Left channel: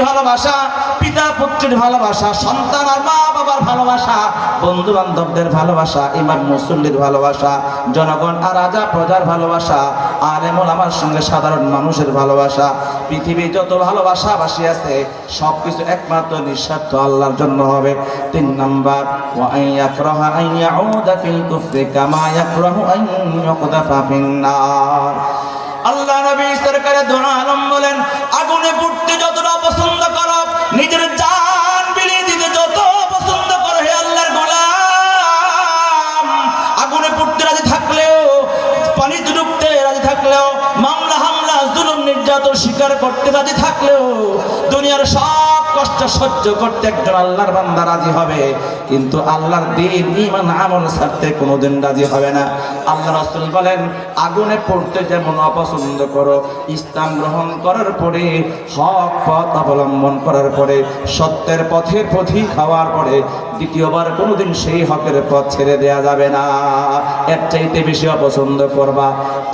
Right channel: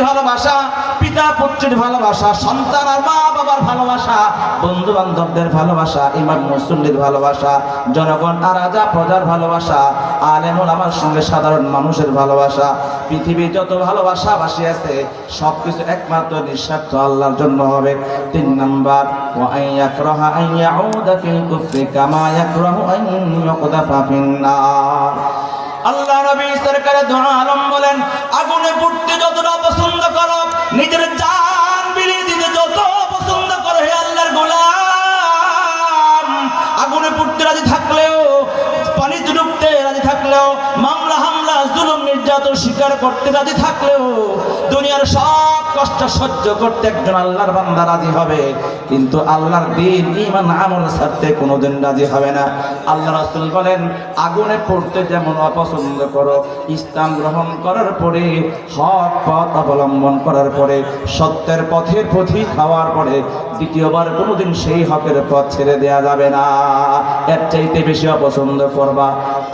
স্বামীর ভালোবাসা, পিতা পুত্রের ভালোবাসা, সন্তান আর মা বাবার ভালোবাসা বন্ধু বান্ধবদের ভালোবাসা, ইমাম মুসল্লির ভালোবাসা, জনগণ আর রাজা প্রজার ভালোবাসা আর এমন আমার সঙ্গে সাধারণ মানুষের ভালোবাসা পৃথিবী যত ভালোবাসা বাসি আছে সব কিছু একমাত্র নিঃস্বার্থ আল্লাহর জন্য হবে। তিন নম্বর আল্লাহ নবী সরকারে দোয়া আলম বলেন, আগুনে পুড়তে যতটা করতে রাজি থাকলেও দুনিয়ার সব কষ্ট সহ্য করতে একজন আল্লাহর বান্দা রাজি হবে। কিন্তু আল্লাহর দিন ইমান আমল ছাড়তে কোনোদিন রাজি হবে না। আল্লাহ রাসূল বলেন, আগুনে পড়তে যেমন অপছন্দ করো, ইসলাম গ্রহণ করার পরে, হক পথ অবলম্বন করার পরে, সত্যের পথের পথি খাওয়ার পরে, দ্বিতীয়বার কোনোদিন সেই হকের পথ ছেড়ে দেয়া যাবে না। এর চাইতে বেশি অপছন্দ করবা।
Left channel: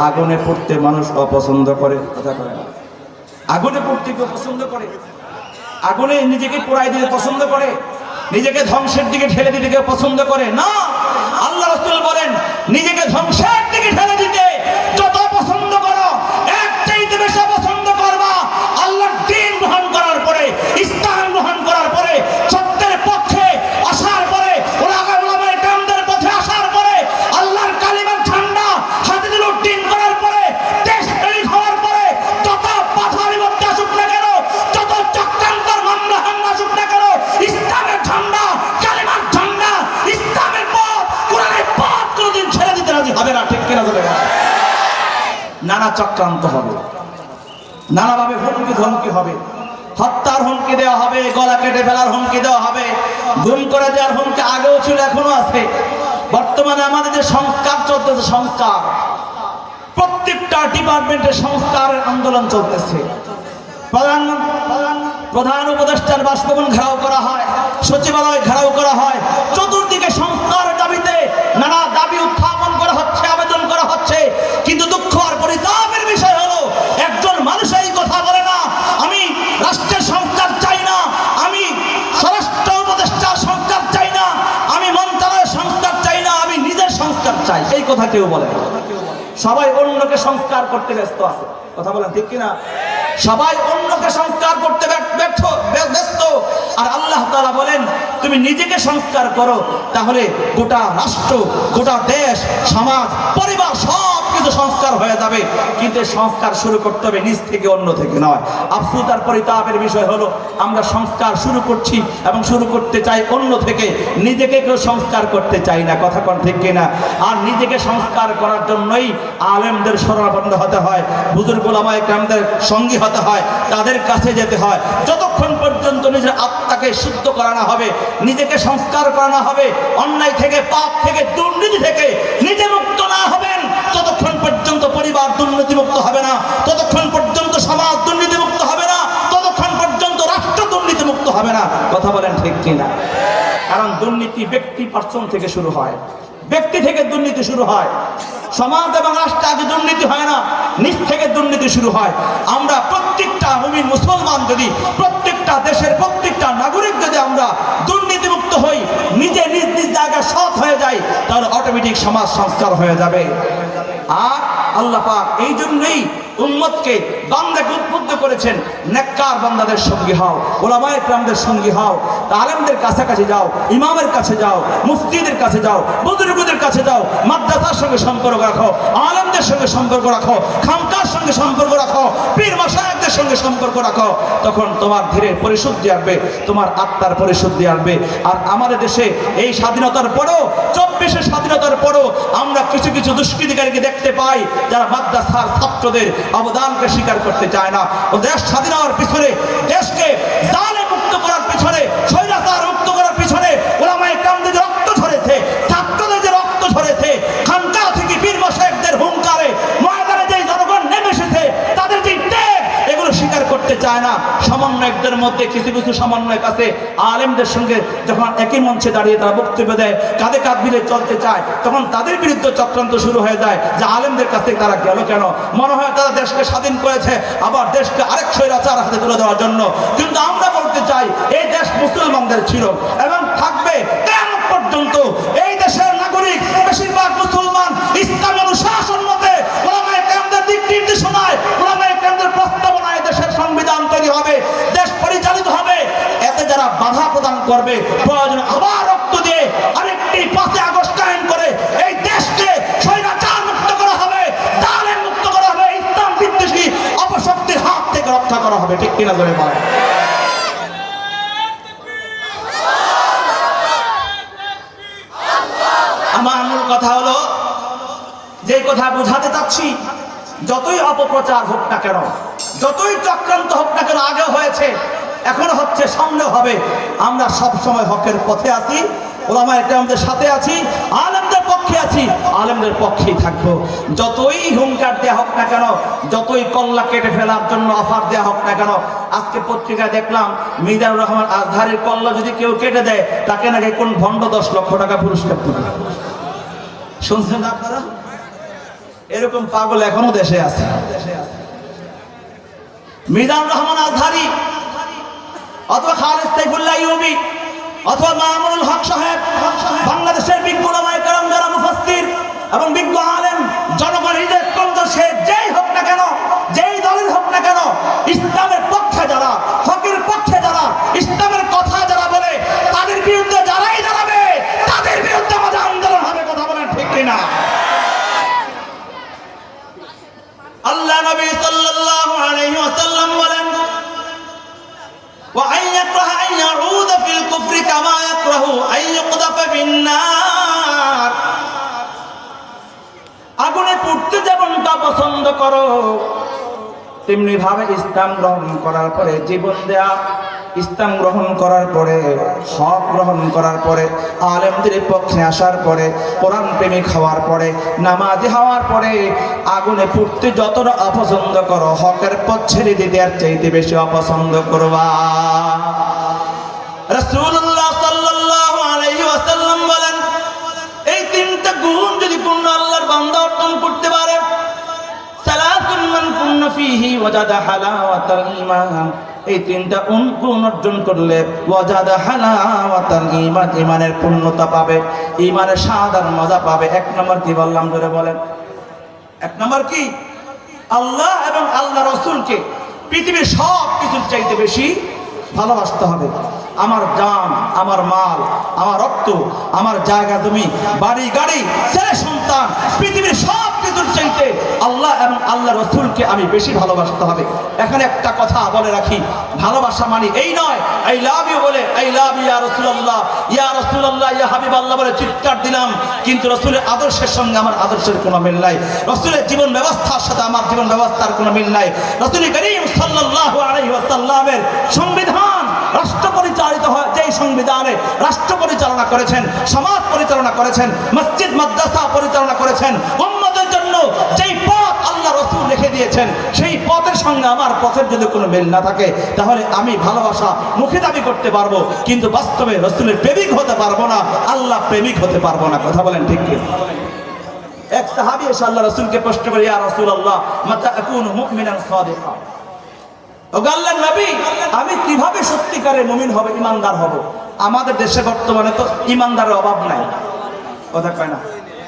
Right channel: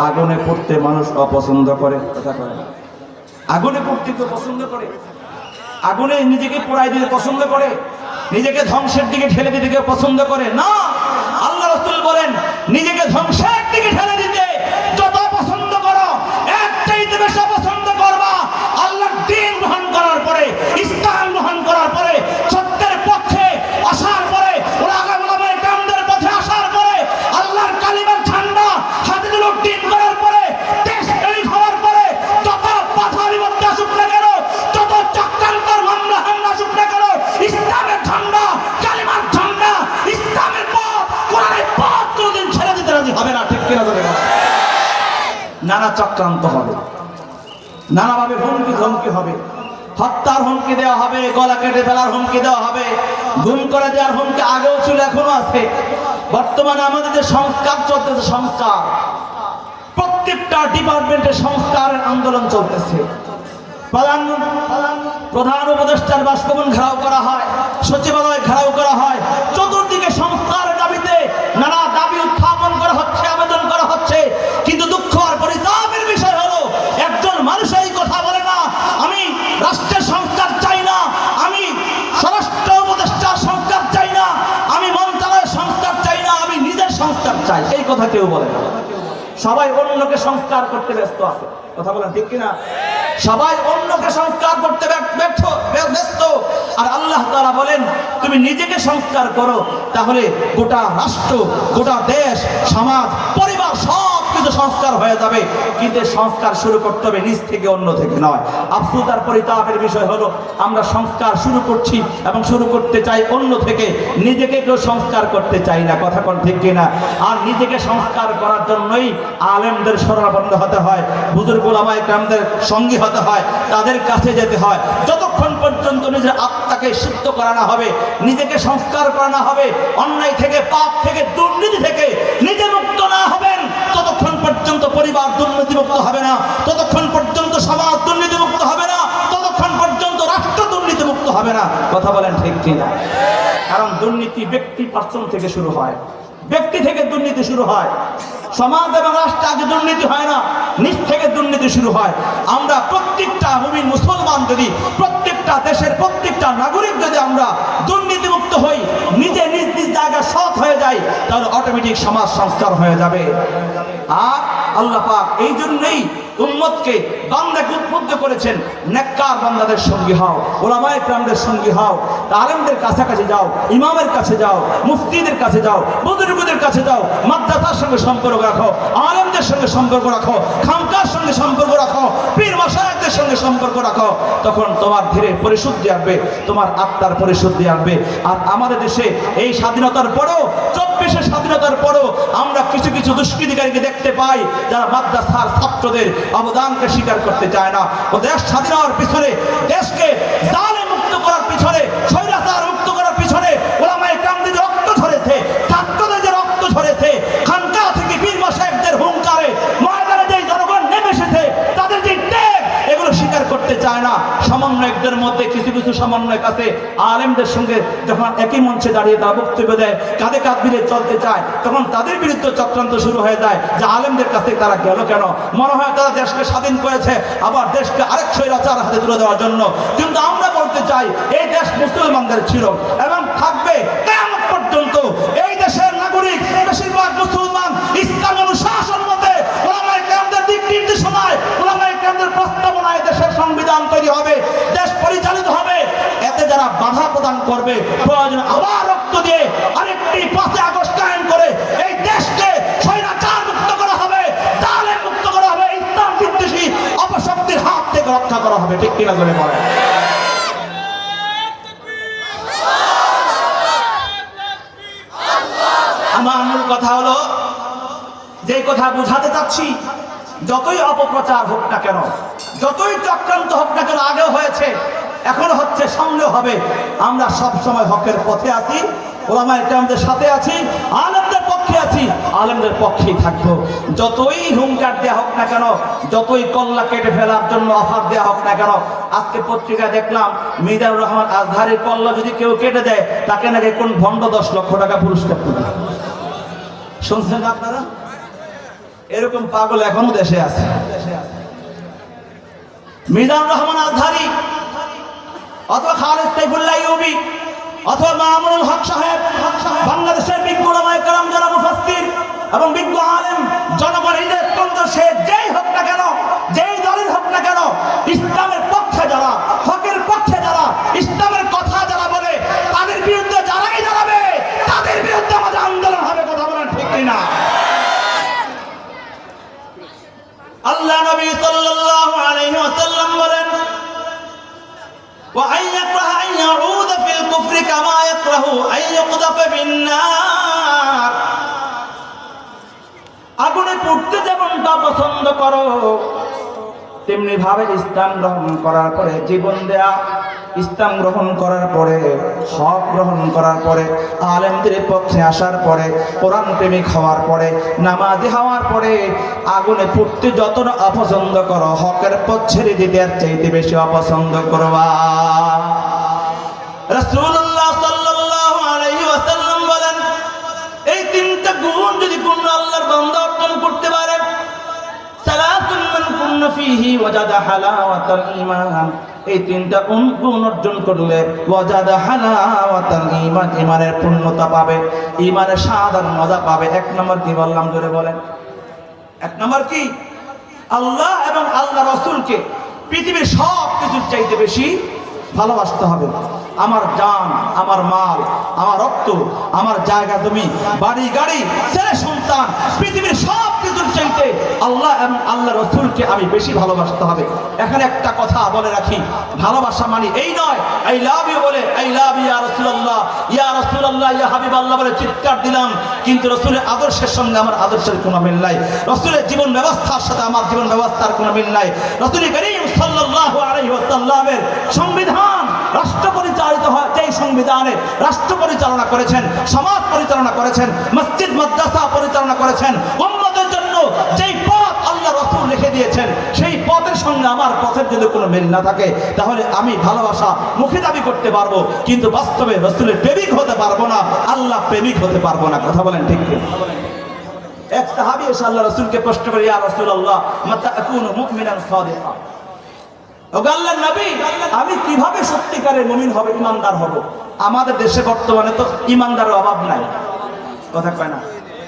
আগুনে পড়তে মানুষ অপছন্দ করে, কথা করে না। আগুনে পড়তে কেউ পছন্দ করে? আগুনে নিজেকে পোড়াই দিতে পছন্দ করে? নিজেকে ধ্বংসের দিকে ঠেলে দিতে কেউ পছন্দ করে? না! আল্লাহ রসুল বলেন, নিজেকে ধ্বংসের নানা চক্রান্ত হবে। নানাভাবে হুমকি ধমকি হবে। হত্যার হুমকি দেওয়া হবে, গলা কেটে ফেলার হুমকি দেওয়া হবে, গুম করে দেওয়ার হুমকি আগেও ছিল, এখনও আছে। বর্তমানে আমাদের যে সংস্কার চলতেছে, সংস্কার। প্রত্যেকটা ডিপার্টমেন্টে সংস্কারের আন্দোলন চলতেছে। প্রধান উপদেষ্টার বাসভবন ঘেরাও করা হয়, সচিবালয় ঘেরাও করা হয় চতুর্দিকে কথা কেউ বলে। সবাই অন্যকে সংস্কার করতে ব্যস্ত আছে। কথা বলেন ঠিক কিনা? সবাই অন্যকে সংস্কার করতে ব্য- ব্যর্থ, ব্যস্ত। আর আল্লাহ তারা বলেন, তুমি নিজেকে সংস্কার করো, তাহলে গোটা রাষ্ট্র, গোটা দেশ, সমাজ, পরিবার সব কিছু সংস্কার হয়ে যাবে, কিন্তু সংস্কার শুরু করতে হবে নিজ থেকে, অন্য থেকে নয়। আফসোস আর পরিতাপের বিষয় হলো, আমরা সংস্কার শুরু করছি এবং শুরু করতে চাই অন্য থেকে। নিজেকে কেউ সংস্কার করতে চাই না, কথা কোন ঠিক কিনা? আর নিজেকে সংস্কার করার জন্যই আলেমদের শরণাপন্ন হতে হয়, বুজুর্গ ওলামায়ে কেরামদের সঙ্গী হতে হয়, তাদের কাছে যেতে হয়। যতক্ষণ পর্যন্ত নিজের আত্মাকে শুদ্ধ করানো হবে, নিজেকে সংস্কার করানো হবে, অন্যায় থেকে, পাপ থেকে, দুর্নীতি থেকে, নিজে মুক্ত না ততক্ষণ পর্যন্ত পরিবার দুর্নীতিমুক্ত হবে না। ততক্ষণ পর্যন্ত সমাজ দুর্নীতিমুক্ত হবে না। ততক্ষণ পর্যন্ত রাষ্ট্র দুর্নীতিমুক্ত হবে না। কথা বলেন ঠিক কিনা? কারণ দুর্নীতি ব্যক্তি পার্সন থেকে শুরু হয়। ব্যক্তি থেকে দুর্নীতি শুরু হয়। সমাজ এবং রাষ্ট্রে আগে দুর্নীতি হয় না নিজ থেকে দুর্নীতি শুরু হয়। আমরা প্রত্যেকটা ভূমি মুসলমান যদি, প্রত্যেকটা দেশের প্রত্যেকটা নাগরিক যদি আমরা দুর্নীতিমুক্ত হই, নিজে নিজ নিজ জায়গায় সৎ হয়ে যাই, তাহলে অটোমেটিক সমাজ সংস্কার হয়ে যাবে। আর আল্লাহ পাক এই জন্যই উম্মতকে বান্দাকে উদ্বুদ্ধ করেছেন। নেককার বান্দাদের সঙ্গী হও, ওলামায়ে কেরামদের সঙ্গী হও, আলেমদের কাছাকাছি যাও, ইমামের কাছে যাও, মুফতিদের কাছে যাও, বুজুর্গদের কাছে যাও, মাদ্রাসার সঙ্গে সম্পর্ক রাখো, আলেমদের সঙ্গে সম্পর্ক রাখো খামকার সঙ্গে সম্পর্ক রাখো, পীর মশায়েকদের সঙ্গে সম্পর্ক রাখো, তখন তোমার ধীরে পরিশুদ্ধি আসবে, তোমার আত্মার পরিশুদ্ধি আসবে। আর আমাদের দেশে এই স্বাধীনতার পরও, চব্বিশের স্বাধীনতার পরও আমরা কিছু কিছু দুষ্কৃতিকারীকে দেখতে পাই, যারা মাদ্রাসার ছাত্রদের অবদানকে স্বীকার করতে চায় না। ও দেশ স্বাধীন হওয়ার পিছনে দেশকে জালে মুক্ত করার পিছনে স্বৈরাচার মুক্ত করার পিছনে ওলামায়ে কেরামদের যে রক্ত ঝরেছে ছাত্রদের যে রক্ত ঝরেছে খানকা থেকে পীর সাহেবদের হুঙ্কারে ময়দানে যে জনগণ নেমে এসেছে তাদের যে ত্যাগ এগুলো স্বীকার করতে চায় না সমন্বয়কদের মধ্যে কিছু কিছু সমন্বয় কাছে আলেমদের সঙ্গে যখন একই মঞ্চে দাঁড়িয়ে তারা বক্তব্য দেয়, কাঁধে কাঁধ মিলে চলতে চায়, তখন তাদের বিরুদ্ধে চক্রান্ত শুরু হয়ে যায় যে আলেমদের কাছে তারা গেল কেন? মনে হয় তারা দেশকে স্বাধীন করেছে, আবার দেশকে আরেক স্বৈরাচার হাতে তুলে দেওয়ার জন্য। কিন্তু আমরা বলতে চাই, এই দেশ মুসলমানদের ছিল এবং করা হবে ঠিক কিনা জোরে বলেন আমার মূল কথা হলো যে কথা বোঝাতে চাচ্ছি, যতই অপপ্রচার হোক না কেন, যতই চক্রান্ত হোক না কেন, আগেও হয়েছে, এখনও হচ্ছে সামনে হবে। আমরা সব সময় হকের পথে আছি ওলামা আমাদের সাথে আছি। আলেমদের পক্ষে আছি, আলেমদের পক্ষেই থাকব। যতই হুঙ্কার দেওয়া হোক না কেন, যতই কল্লা কেটে ফেলার জন্য অফার দেওয়া হোক না কেন, আজকে পত্রিকায় দেখলাম মিজানুর রহমান আজহারের কল্লা যদি কেউ কেটে দেয়, তাকে নাকি কোন ভণ্ড দশ লক্ষ টাকা পুরস্কার দেবে? শুনছেন আপনারা? এরকম পাগল এখনও দেশে আছে। মিজানুর রহমান আজহারি, অথবা খালেদ সাইফুল্লাহ ইউবি, অথবা মামুনুল হক সাহেব, বাংলাদেশের এবং বিজ্ঞ তেমনি ভাবে ইসলাম গ্রহণ করার পরে, জীবন দেয়া, ইসলাম গ্রহণ করার পরে, হক গ্রহণ করার পরে, আলেমদের পক্ষে আসার পরে, কোরআন প্রেমিক হওয়ার পরে, নামাজি হওয়ার পরে, আগুনে পুড়তে যতটা অপছন্দ করো, হকের পথ ছেড়ে দিতে আর চাইতে বেশি অপছন্দ করবা। এই তিনটা গুণ যদি পূর্ণ আল্লাহর বান্দা ফীহি ওয়াজাদা হালাওয়াতাল ঈমান। এই তিনটা গুণ অর্জন করলে ওয়াজাদা হালাওয়াতাল ঈমান, ঈমানের পূর্ণতা পাবে। ঈমানের স্বাদ আর মজা পাবে। এক নম্বর কি বললাম ধরে বলেন? এক নম্বর কি? আল্লাহ এবং আল্লাহ রসুলকে পৃথিবীর সব কিছুর চাইতে বেশি ভালোবাসতে হবে। আমার জান, আমার মাল, আমার রক্ত, আমার জায়গা, জমি, বাড়ি, গাড়ি, ছেলে, সন্তান, পৃথিবীর সব কিছুর চাইতে আল্লাহ এবং আল্লাহ রসুলকে আমি বেশি ভালোবাসতে হবে। এখানে একটা কথা বলে রাখি, ভালোবাসা মানে এই নয় এই লাভ ইউ বলে এই লাভ ইয়া রসুল্লাহ ইয়া রসুল্লাহ ইয়া হাবিব আল্লাহ বলে চিৎকার দিলাম। কিন্তু রসুলের আদর্শের সঙ্গে আমার আদর্শের কোনো মিল নাই। রসুলের জীবন ব্যবস্থার সাথে আমার জীবন ব্যবস্থার কোনো মিল নাই। রসুল করিম আলাইহি ওয়াসাল্লামের সংবিধান সংবিধানে রাষ্ট্র পরিচালনা করেছেন, সমাজ পরিচালনা করেছেন, মসজিদ, মাদ্রাসা পরিচালনা করেছেন, উম্মতের জন্য যেই পথ আল্লাহ রসুল লিখে দিয়েছেন, সেই পথের সঙ্গে আমার পথের যদি কোনো মিল না থাকে, তাহলে আমি ভালোবাসা মুখে দাবি করতে পারব, কিন্তু বাস্তবে রসুলের প্রেমিক হতে পারব না, আল্লাহ প্রেমিক হতে পারব না। কথা বলেন ঠিক এক সাহাবী এসে আল্লাহ রসুলকে প্রশ্ন করে, ইয়া রাসূলুল্লাহ, মাতা আকুনু মুমিনান সাদিকা? ওগো আল্লাহর নবী, আমি কীভাবে সত্যিকারের মুমিন হবে, ইমানদার হব? আমাদের দেশে বর্তমানে তো ইমানদারের অভাব নাই। কথা না?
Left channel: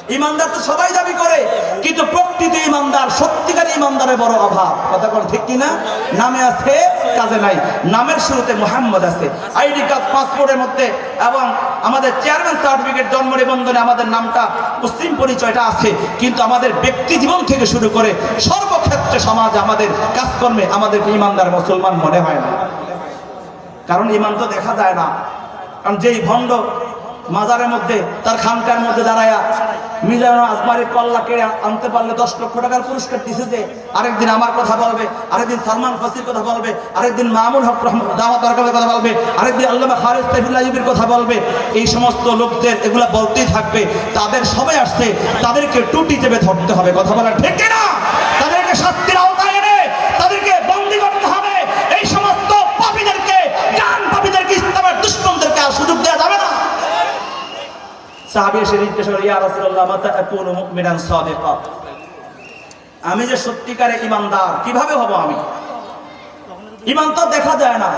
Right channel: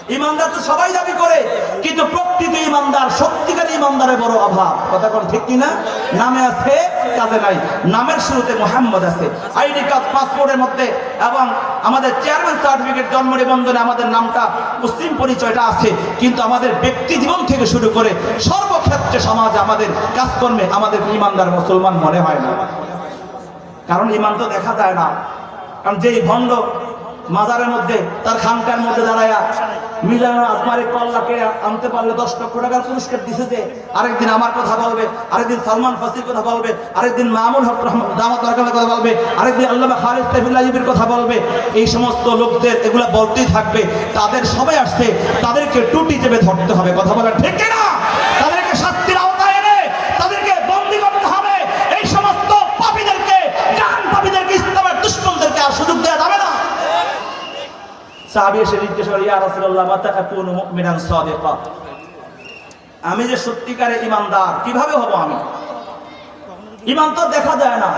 ইমানদার তো সবাই দাবি করে, কিন্তু প্রকৃত ইমানদার, সত্যিকার ইমানদারের বড় অভাব। কথা কোন ঠিক কিনা? নামে আছে, কাজে নাই। নামের শুরুতে মোহাম্মদ আছে। আইডি কার্ড, পাসপোর্টের মধ্যে এবং আমাদের চেয়ারম্যান সার্টিফিকেট, জন্ম নিবন্ধনে আমাদের নামটা, মুসলিম পরিচয়টা আছে। কিন্তু আমাদের ব্যক্তি জীবন থেকে শুরু করে সর্বক্ষেত্রে সমাজ, আমাদের কাজকর্মে আমাদের ইমানদার মুসলমান মনে হয় না। কারণ ইমান তো দেখা যায় না। কারণ যেই ভণ্ড মাজারের মধ্যে, তার খানকার মধ্যে দাঁড়ায়া মিজানুল আসমারি কল্লাকে আনতে পারলে দশ লক্ষ টাকার পুরস্কার দিছে যে আরেকদিন আমার কথা বলবে, আরেকদিন সালমান ফাসির কথা বলবে, আরেকদিন মামুল হক দামাত দরকারের কথা বলবে, আরেকদিন আল্লামা খালিদ সাইফুল্লাহ কথা বলবে। এই সমস্ত লোকদের এগুলা বলতেই থাকবে, তাদের সবাই আসছে, তাদেরকে টুটি চেপে ধরতে হবে, কথা বলা ঠিক কিনা? সাহাবী এসে জিজ্ঞেস করে, ইয়া রাসূলুল্লাহ, মাতা আকুনু মুমিনান সাদিকা? আমি যে সত্যিকারে ইমানদার, কীভাবে হব আমি? ইমান তো দেখা যায় না।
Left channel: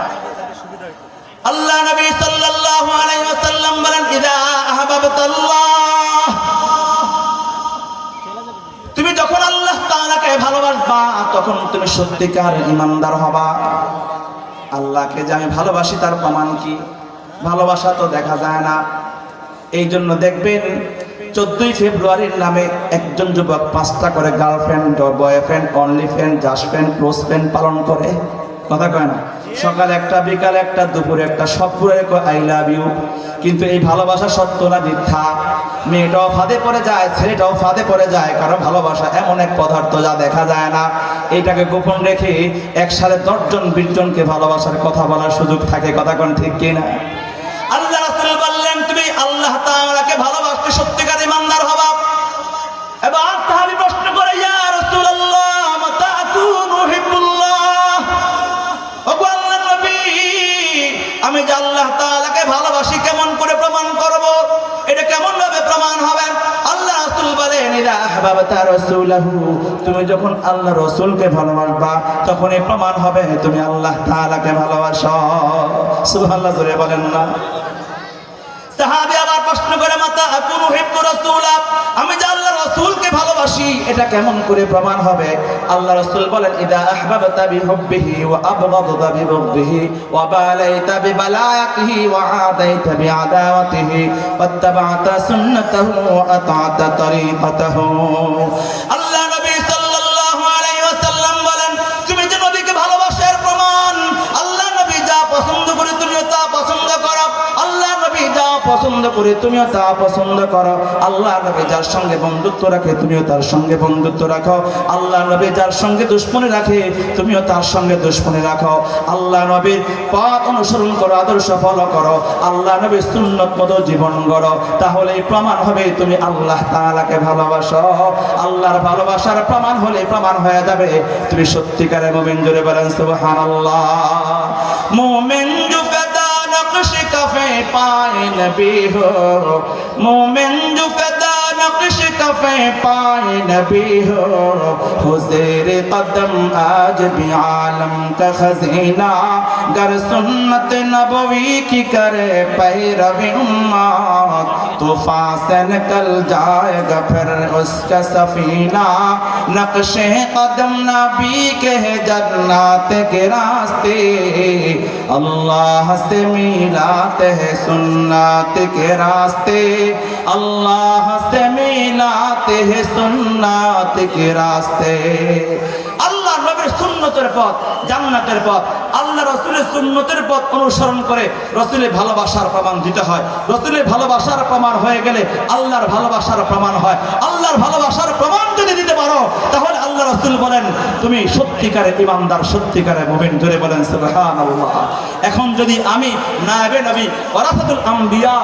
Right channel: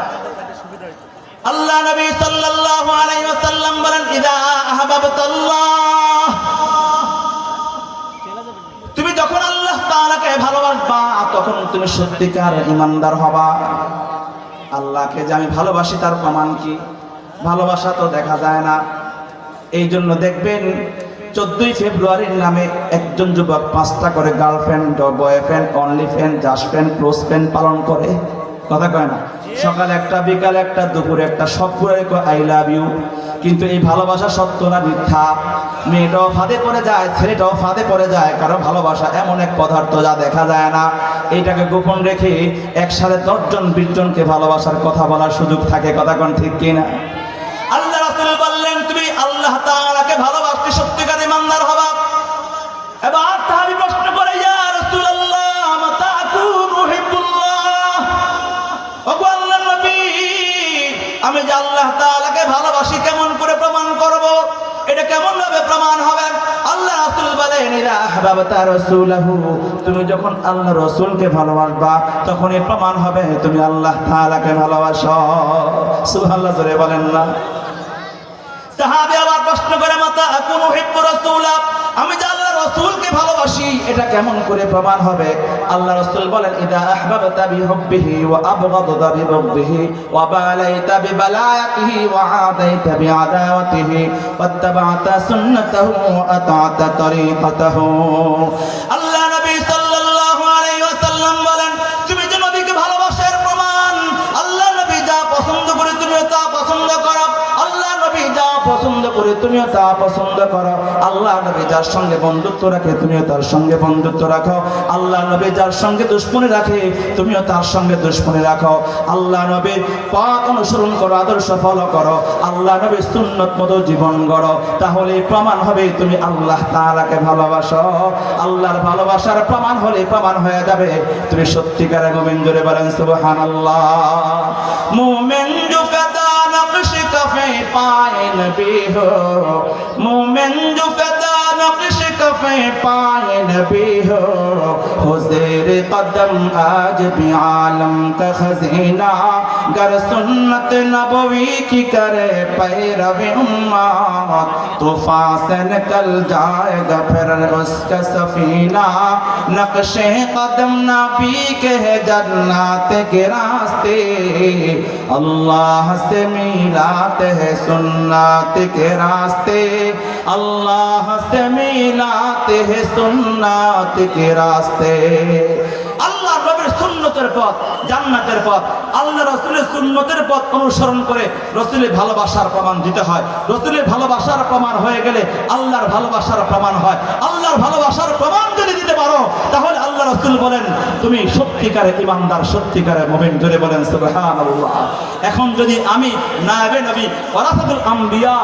আল্লাহ নবী সাল্লাল্লাহু আলাইহি ওয়াসাল্লাম বলেন, ইদা আহবাবতাল্লাহ। তুমি যখন আল্লাহ তাআলাকে ভালোবাসবা, তখন তুমি সত্যিকার ইমানদার হবা। আল্লাহকে যে আমি ভালোবাসি, তার প্রমাণ কি? ভালোবাসা তো দেখা যায় না। এই জন্য দেখবেন চোদ্দই ফেব্রুয়ারির নামে একজন যুবক পাঁচটা করে girlfriend boyfriend only friend just friend close friend পালন করে। কথা কয় না? সকাল একটা, বিকাল একটা, দুপুর একটা, সব আই লাভ ইউ কিন্তু এই ভালোবাসা সত্য না মিথ্যা? মেয়েটাও ফাঁদে পড়ে যায়, ছেলেটাও ফাঁদে পড়ে যায়। কারণ ভালোবাসা এমন এক পদার্থ যা দেখা যায় না। এইটাকে গোপন রেখে একসাথে দশজন, বিশজনকে ভালোবাসার কথা বলার সুযোগ থাকে। কথা কোন ঠিক কিনা? আহবাবতা রাসূলাহু। তুমি যখন আল্লাহ রাসূলকে ভালোবাসবা, তখনই প্রমাণ হবে তুমি আল্লাহ তাআলাকে ভালোবাসো। সুবহানাল্লাহ, জোরে বলেন না। সাহাবী আবার প্রশ্ন করে, মাতা আকুনু হিব্বু রাসূলা? ভালোবাসি, এটা কেমন করে প্রমাণ হবে? আল্লাহ রাসূল বলেন, ইদা আহবাবতা বিহুব্বিহি ওয়া আবগাদতা বিবগদিহি ওয়া বালাইতা বিবালায়াতিহি ওয়া আদাইতা বিআদাওয়াতিহি ওয়াত্তাবা'তা সুন্নাতাহু ওয়া আতা'তা তরিকাতাহু করে তুমিও তা পছন্দ করো। আল্লাহ নবী যার সঙ্গে বন্ধুত্ব রাখে, তুমিও তার সঙ্গে বন্ধুত্ব রাখো। আল্লাহ নবী যার সঙ্গে দুশ্মনী রাখে, তুমিও তার সঙ্গে দুশ্মনী রাখো। আল্লাহ নবী পথ অনুসরণ করো, আদর্শ ফলো করো। আল্লাহ নবী সুন্নত মতো জীবন গড়ো। তাহলে প্রমাণ হবে তুমি আল্লাহ তাআলাকে ভালোবাসো। আল্লাহর ভালোবাসার প্রমাণ হলে প্রমাণ হয়ে যাবে। তুমি সত্যিকারের মুমিন জোরে বলেন, সুবহানাল্লাহ। नबी हो। मोमिन जो नक्श कफे पाए नबी हो। कदम आज भी आलम का खजीना। गर सुन्नत नबवी की करे पैरवी उम्मत तूफ़ान से निकल जाएगा फिर उसका सफीना। नक्शे कदम नबी के जन्नत के सुन्नते अल्लाह से मिलाते हैं सुन्नत के रास्ते अल्लाह से मिलाते हैं सुन्नत के रास्ते নবীর পথ, জান্নাতের পথ। আল্লাহ রসুলের সুন্নতের পথ অনুসরণ করে রসুলের ভালোবাসার প্রমাণ দিতে হয়। রসুলের ভালোবাসার প্রমাণ হয়ে গেলে আল্লাহর ভালোবাসার প্রমাণ হয়। আল্লাহর ভালোবাসার প্রমাণ যদি দিতে পারো, তাহলে আল্লাহ রসুল বলেন, তুমি সত্যিকারে ইমানদার, সত্যিকারে মুমিন ধরে বলেন এখন যদি আমি নায়েবে নবী ওরাসাতুল আম্বিয়া